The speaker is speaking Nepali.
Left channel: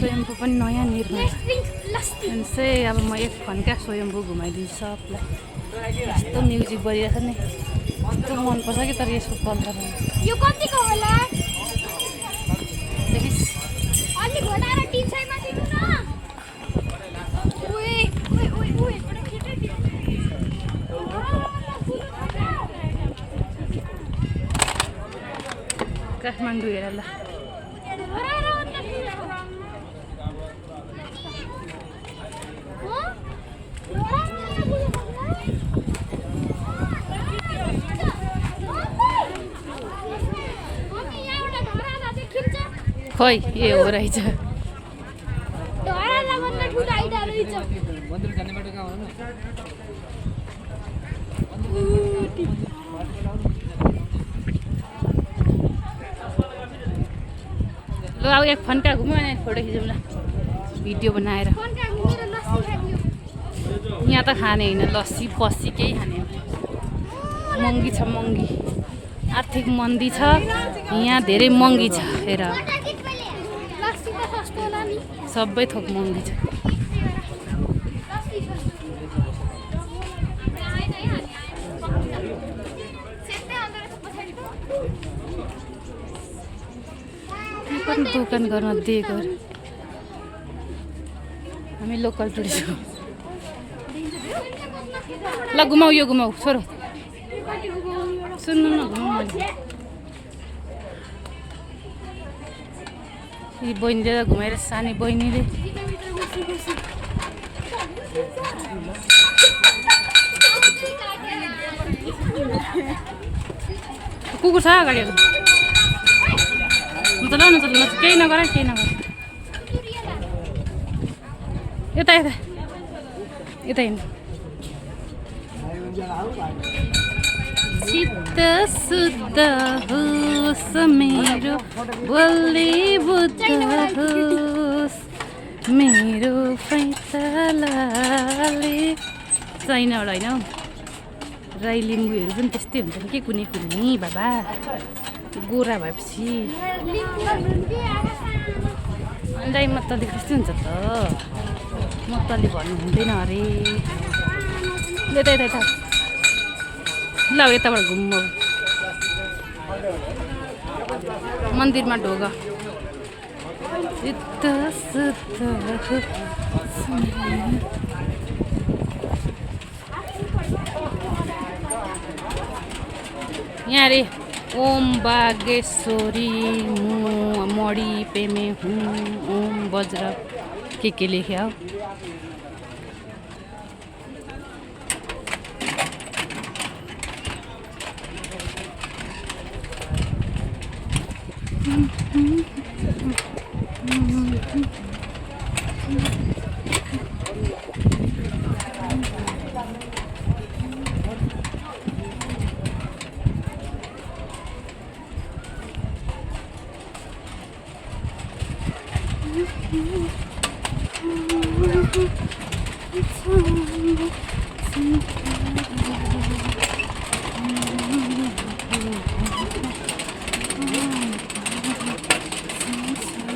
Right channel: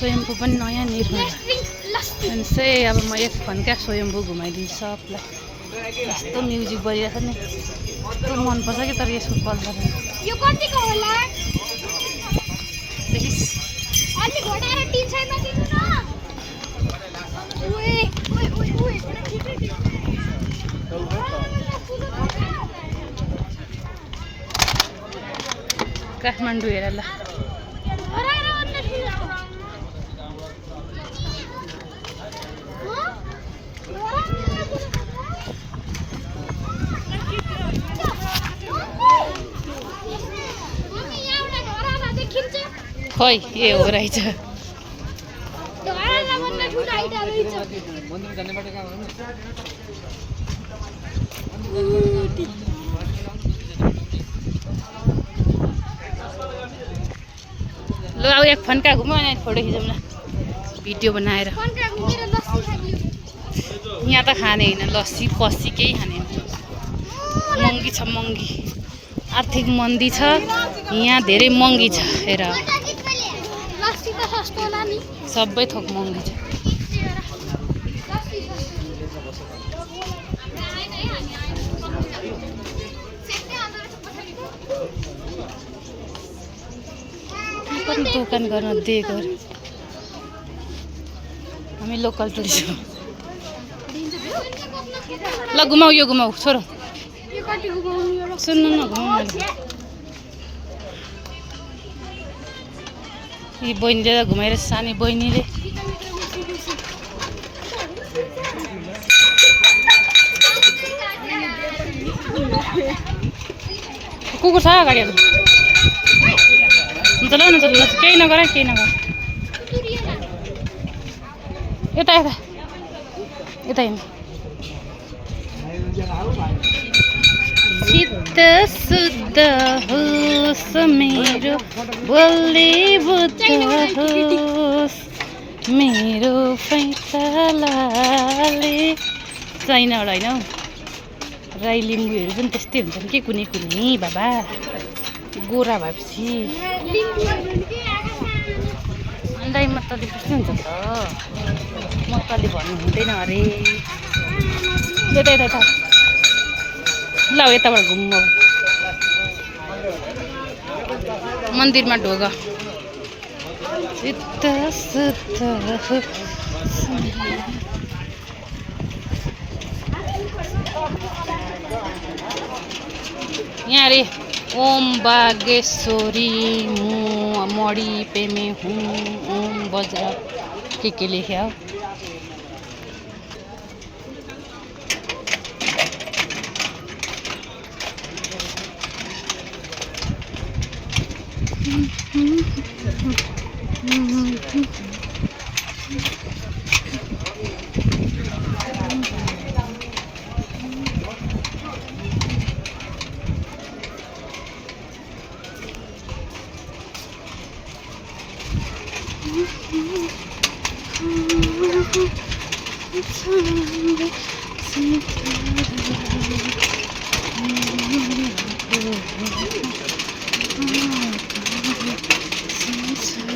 स्वयम्भू पनि नयाँ निर्माण अब म एक फन्का स्वयम्भू घुमाइदिन्छु सबलाई। यस्तो म्युजिक बजिरहेछ नि, यस्तो मनपर्छ कि तर यसको कलर यो कतिको होला? देखिस् अलि घोडा र टी-शर्टमा दिनु न। ओए ओए ओए ओए काठमाडौँ हेर ल। खोइ ए हो रहेछ। ल अब एक फन्का घुम्यो अनि फोटो खिचौँ ल भिडियो बनाएर। यहाँ त खाने होइन, लस्सी पस्सी केही खाने होइन। महँगी छ महँगी, आर्थिक मन्दी छ यहाँ, धेरै महँगी छ। हेर सबै थोक महँगी छ। दोकान गर्न दिएको हामी लोकल टुरिस्ट हो। ल घुमाऊ, यो घुमाऊ छोरो, सुन्नु न घुमाऊ। यी बहिनीले त घुमाएर सानी बहिनीले कुकुर छ अगाडि। हुन्छ ल हुन्छ ल, केही नगर केही नगर। यता यता यता हिँड्नु। चित्त शुद्ध होस् मेरो, बलिउड होस् मेरो पैतालाले। चाइनाबाट होइन हौ, राई लिम्बूहरू पनि त्यस्तै हुन्छ नि के कुनै कुनै बाबा, गोरा भएपछि। अन्डाई मतली त्यस्तै हुन्छ त, मतली भन्नु हुँदैन अरे। यता यता यता ल यताबाट घुम्नु। मन्दिरमा ढोग चित्त शुद्ध यहाँ अरे ओम बागेश्वरी मड़ी पे में हूँ, ओम वज्र के लेख्या हो।